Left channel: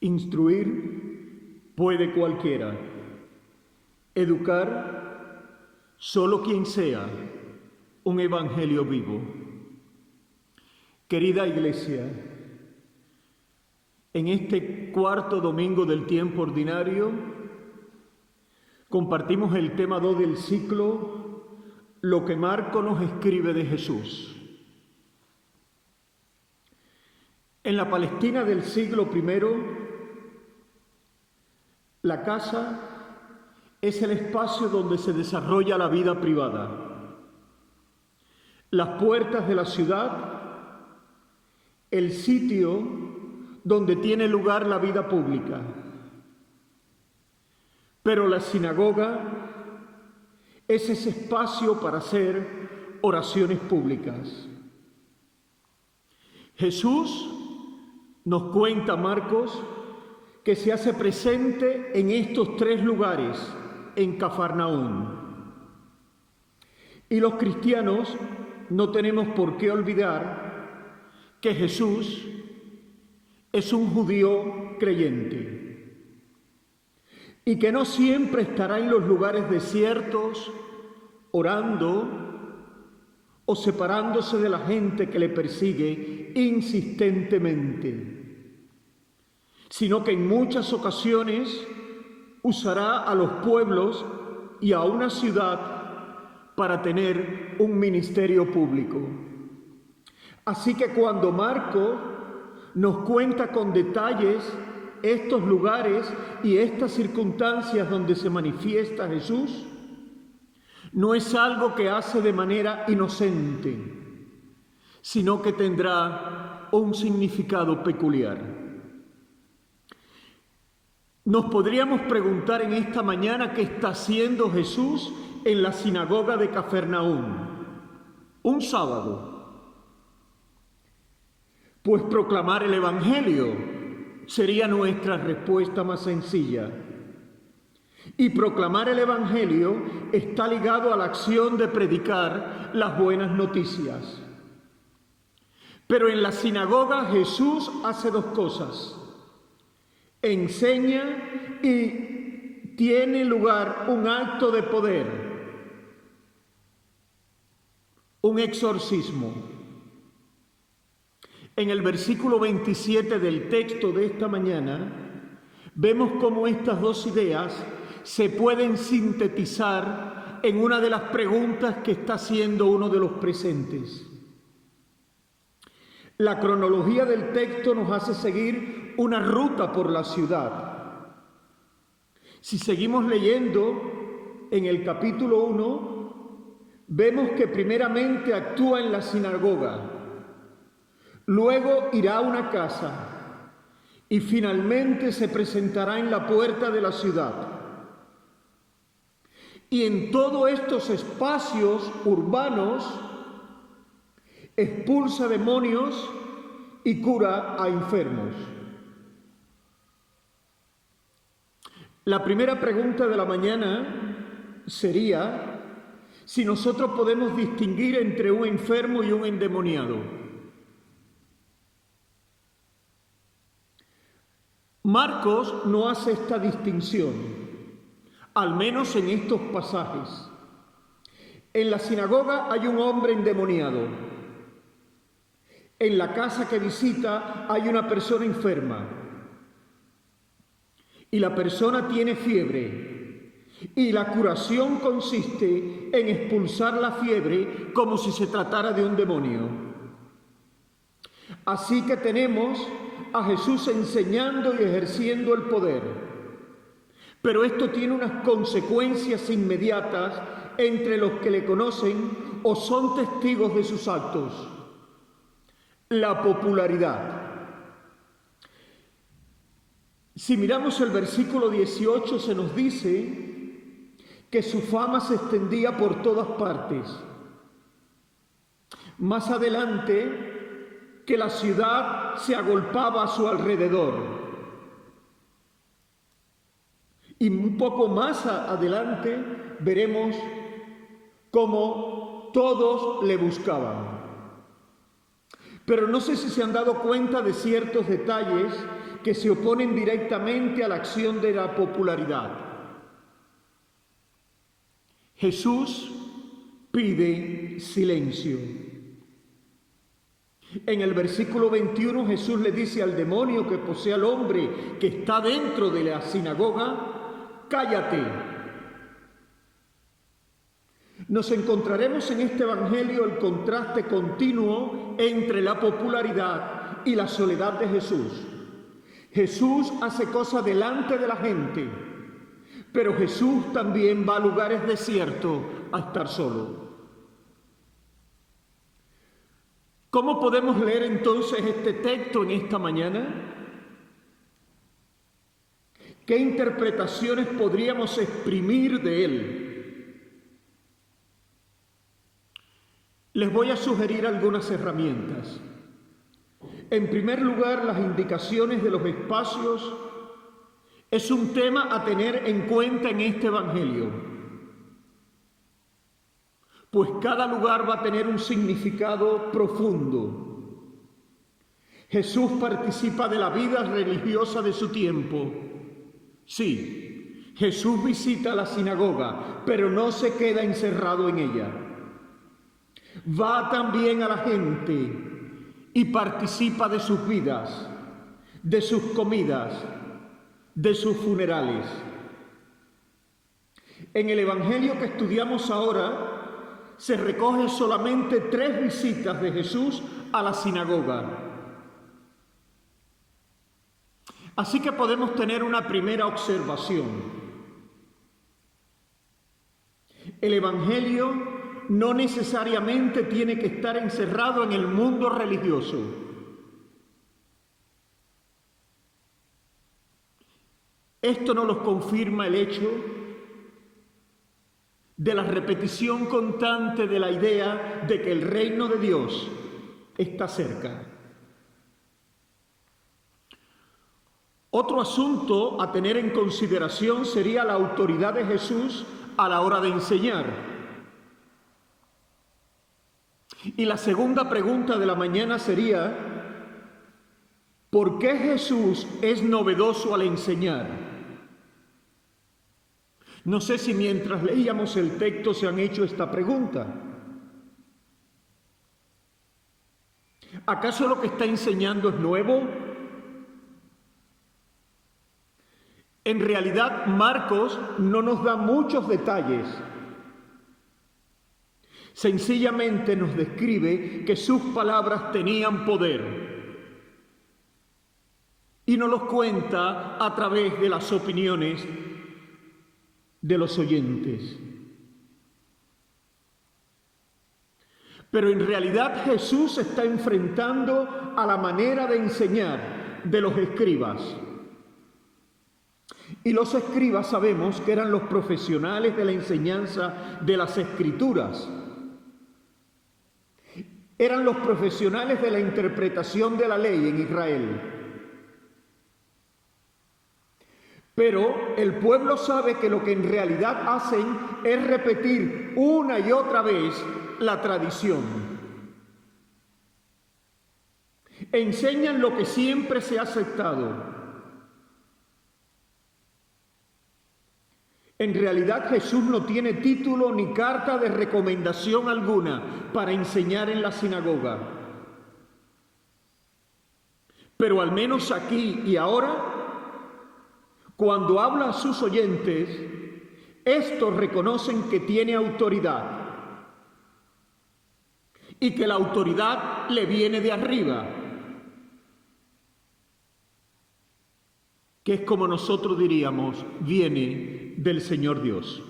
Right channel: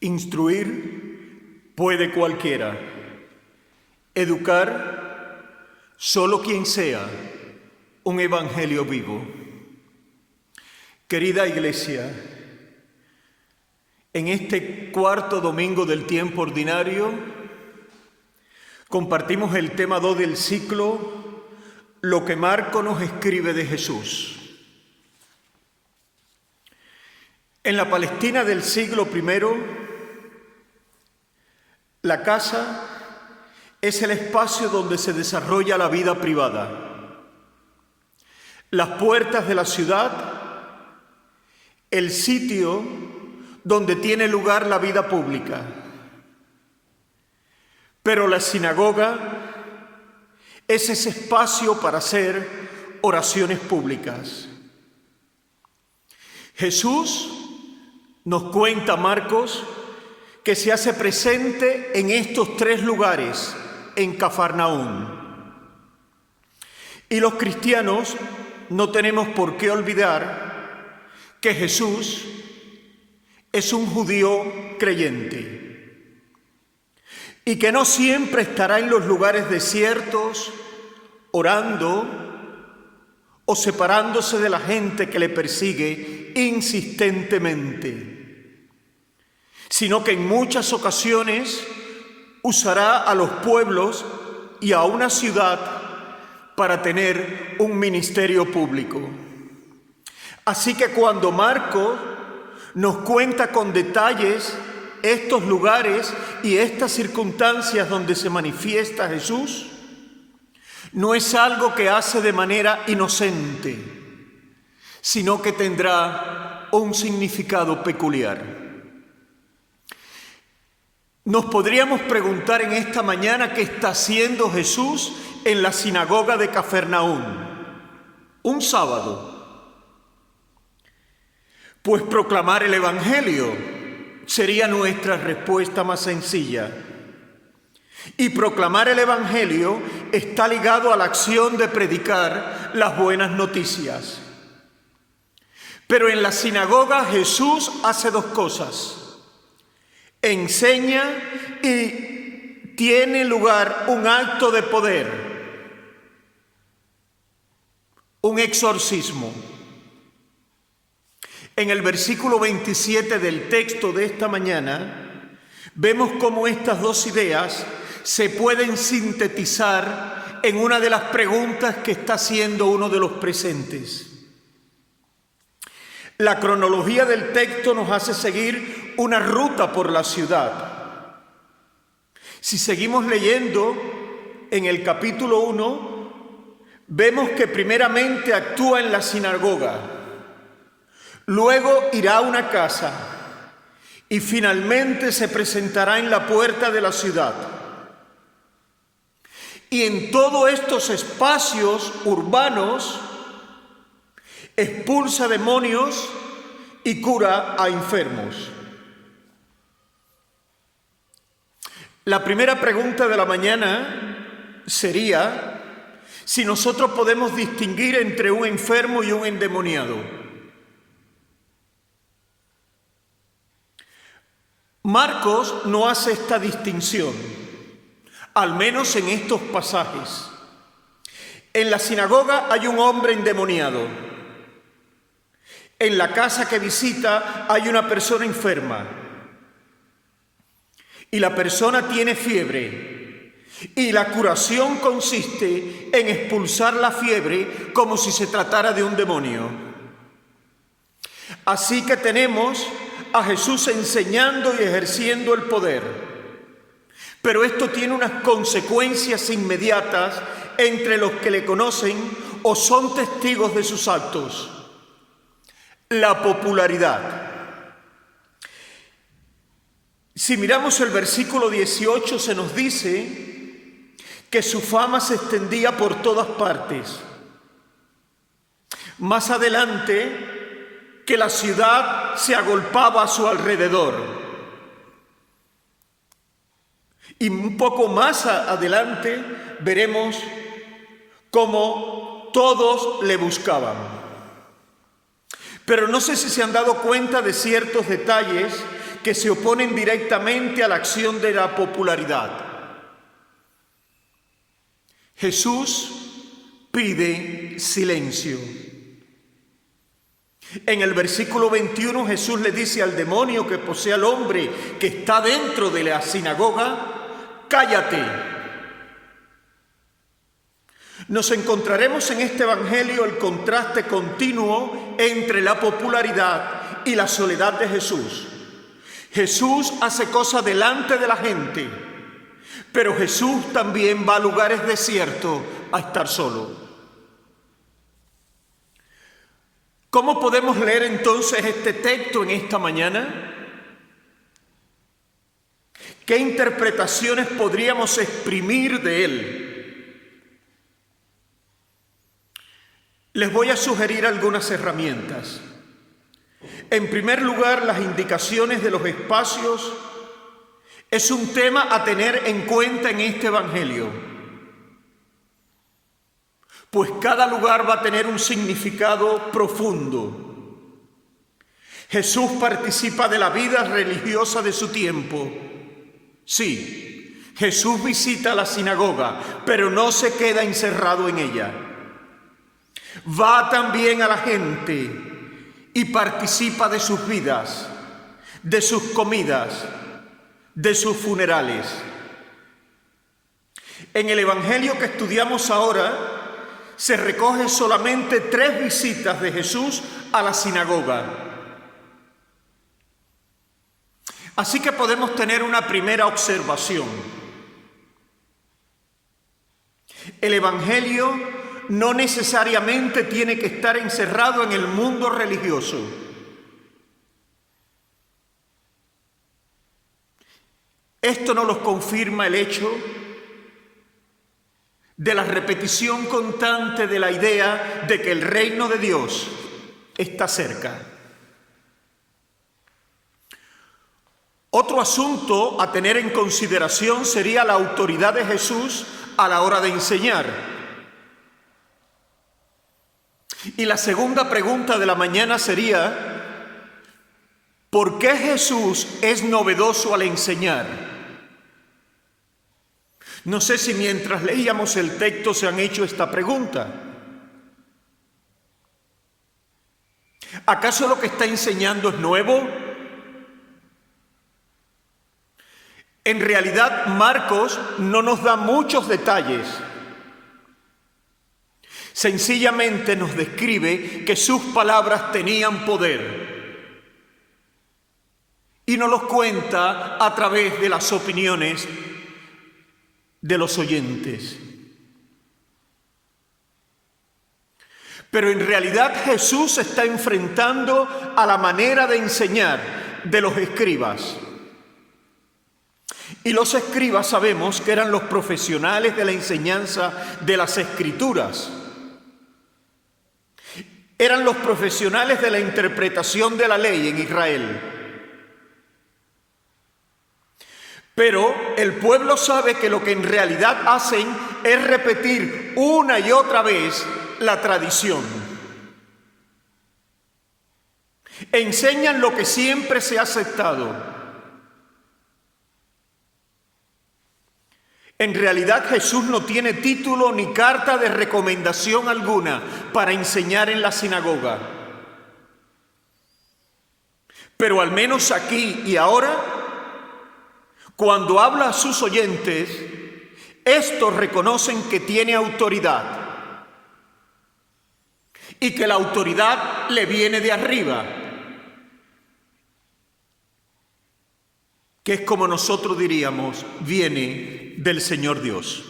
Instruir puede cualquiera. Educar solo quien sea un evangelio vivo. Querida Iglesia, en este cuarto domingo del tiempo ordinario compartimos el tema 2 del ciclo, lo que Marco nos escribe de Jesús. En la Palestina del siglo I, la casa es el espacio donde se desarrolla la vida privada. Las puertas de la ciudad, el sitio donde tiene lugar la vida pública. Pero la sinagoga es ese espacio para hacer oraciones públicas. Jesús, nos cuenta Marcos, que se hace presente en estos 3 lugares, en Cafarnaúm. Y los cristianos no tenemos por qué olvidar que Jesús es un judío creyente y que no siempre estará en los lugares desiertos, orando o separándose de la gente que le persigue insistentemente, sino que en muchas ocasiones usará a los pueblos y a una ciudad para tener un ministerio público. Así que cuando Marcos nos cuenta con detalles estos lugares y estas circunstancias donde se manifiesta Jesús, no es algo que hace de manera inocente, sino que tendrá un significado peculiar. Nos podríamos preguntar en esta mañana qué está haciendo Jesús en la sinagoga de Cafarnaúm, un sábado. Pues proclamar el Evangelio sería nuestra respuesta más sencilla. Y proclamar el Evangelio está ligado a la acción de predicar las buenas noticias. Pero en la sinagoga Jesús hace 2 cosas. Enseña y tiene lugar un acto de poder, un exorcismo. En el versículo 27 del texto de esta mañana, vemos cómo estas 2 ideas se pueden sintetizar en una de las preguntas que está haciendo uno de los presentes. La cronología del texto nos hace seguir una ruta por la ciudad. Si seguimos leyendo en el capítulo 1, vemos que primeramente actúa en la sinagoga, luego irá a una casa y finalmente se presentará en la puerta de la ciudad. Y en todos estos espacios urbanos expulsa demonios y cura a enfermos. La primera pregunta de la mañana sería si nosotros podemos distinguir entre un enfermo y un endemoniado. Marcos no hace esta distinción, al menos en estos pasajes. En la sinagoga hay un hombre endemoniado. En la casa que visita hay una persona enferma y la persona tiene fiebre y la curación consiste en expulsar la fiebre como si se tratara de un demonio. Así que tenemos a Jesús enseñando y ejerciendo el poder, pero esto tiene unas consecuencias inmediatas entre los que le conocen o son testigos de sus actos. La popularidad. Si miramos el versículo 18, se nos dice que su fama se extendía por todas partes. Más adelante, que la ciudad se agolpaba a su alrededor. Y un poco más adelante veremos cómo todos le buscaban. Pero no sé si se han dado cuenta de ciertos detalles que se oponen directamente a la acción de la popularidad. Jesús pide silencio. En el versículo 21 Jesús le dice al demonio que posee al hombre que está dentro de la sinagoga: cállate. Nos encontraremos en este evangelio el contraste continuo entre la popularidad y la soledad de Jesús. Jesús hace cosas delante de la gente, pero Jesús también va a lugares desiertos a estar solo. ¿Cómo podemos leer entonces este texto en esta mañana? ¿Qué interpretaciones podríamos exprimir de él? Les voy a sugerir algunas herramientas. En primer lugar, las indicaciones de los espacios es un tema a tener en cuenta en este evangelio, pues cada lugar va a tener un significado profundo. Jesús participa de la vida religiosa de su tiempo. Sí, Jesús visita la sinagoga, pero no se queda encerrado en ella. Va también a la gente y participa de sus vidas, de sus comidas, de sus funerales. En el evangelio que estudiamos ahora se recoge solamente 3 visitas de Jesús a la sinagoga. Así que podemos tener una primera observación. El evangelio no necesariamente tiene que estar encerrado en el mundo religioso. Esto nos lo confirma el hecho de la repetición constante de la idea de que el reino de Dios está cerca. Otro asunto a tener en consideración sería la autoridad de Jesús a la hora de enseñar. Y la segunda pregunta de la mañana sería: ¿por qué Jesús es novedoso al enseñar? No sé si mientras leíamos el texto se han hecho esta pregunta. ¿Acaso lo que está enseñando es nuevo? En realidad, Marcos no nos da muchos detalles. Sencillamente nos describe que sus palabras tenían poder y nos los cuenta a través de las opiniones de los oyentes. Pero en realidad Jesús se está enfrentando a la manera de enseñar de los escribas. Y los escribas sabemos que eran los profesionales de la enseñanza de las Escrituras. Eran los profesionales de la interpretación de la ley en Israel. Pero el pueblo sabe que lo que en realidad hacen es repetir una y otra vez la tradición. Enseñan lo que siempre se ha aceptado. En realidad Jesús no tiene título ni carta de recomendación alguna para enseñar en la sinagoga. Pero al menos aquí y ahora, cuando habla a sus oyentes, estos reconocen que tiene autoridad y que la autoridad le viene de arriba, que es como nosotros diríamos, viene del Señor Dios.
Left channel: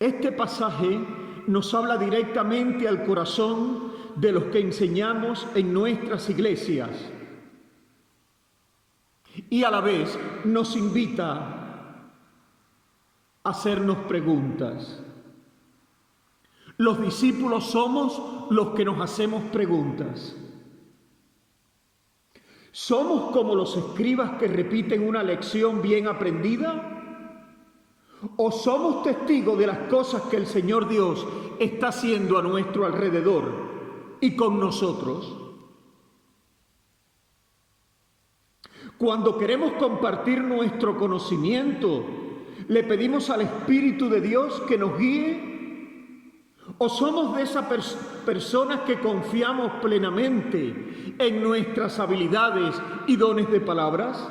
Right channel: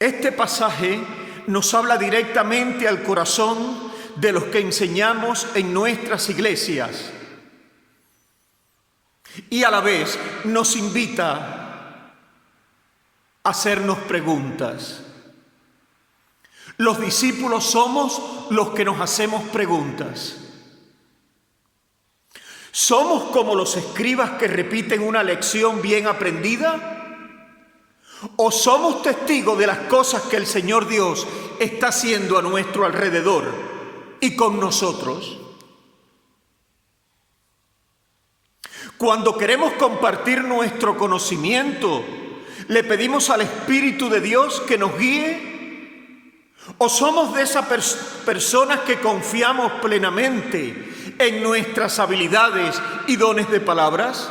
Este pasaje nos habla directamente al corazón de los que enseñamos en nuestras iglesias y a la vez nos invita a hacernos preguntas. Los discípulos somos los que nos hacemos preguntas. ¿Somos como los escribas que repiten una lección bien aprendida? ¿O somos testigos de las cosas que el Señor Dios está haciendo a nuestro alrededor y con nosotros? Cuando queremos compartir nuestro conocimiento, ¿le pedimos al Espíritu de Dios que nos guíe? ¿O somos de esas personas que confiamos plenamente en nuestras habilidades y dones de palabras?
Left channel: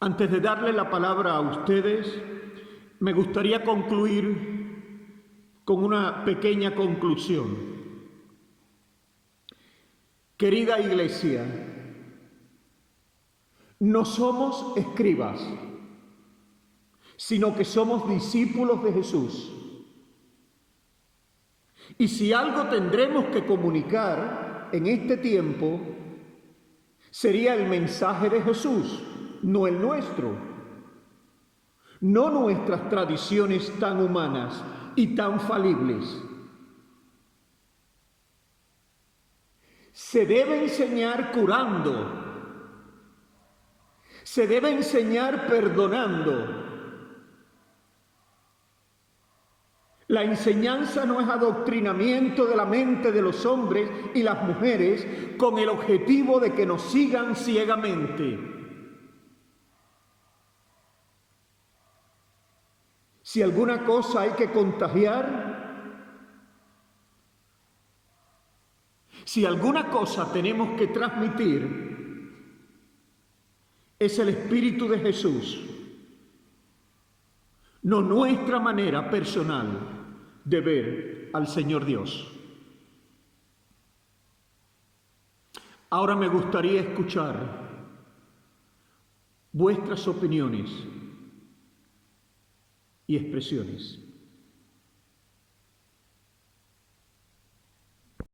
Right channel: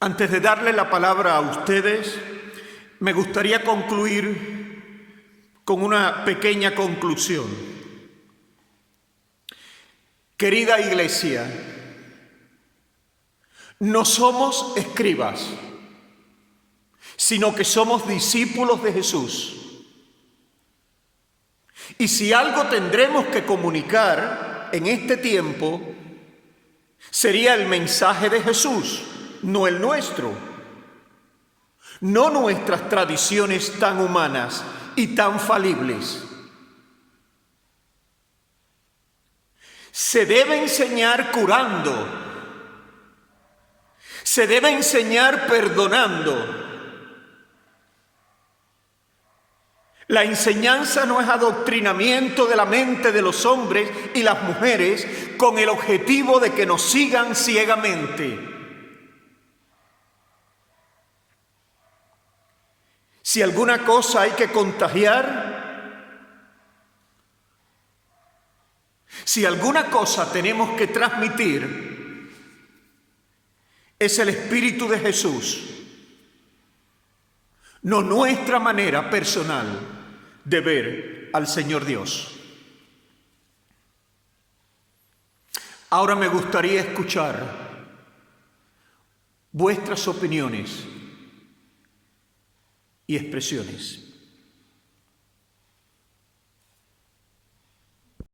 Antes de darle la palabra a ustedes, me gustaría concluir con una pequeña conclusión. Querida Iglesia, no somos escribas, sino que somos discípulos de Jesús. Y si algo tendremos que comunicar en este tiempo, sería el mensaje de Jesús, no el nuestro, no nuestras tradiciones tan humanas y tan falibles. Se debe enseñar curando, se debe enseñar perdonando. La enseñanza no es adoctrinamiento de la mente de los hombres y las mujeres con el objetivo de que nos sigan ciegamente. Si alguna cosa hay que contagiar, si alguna cosa tenemos que transmitir, es el Espíritu de Jesús, no nuestra manera personal de ver al Señor Dios. Ahora me gustaría escuchar vuestras opiniones y expresiones.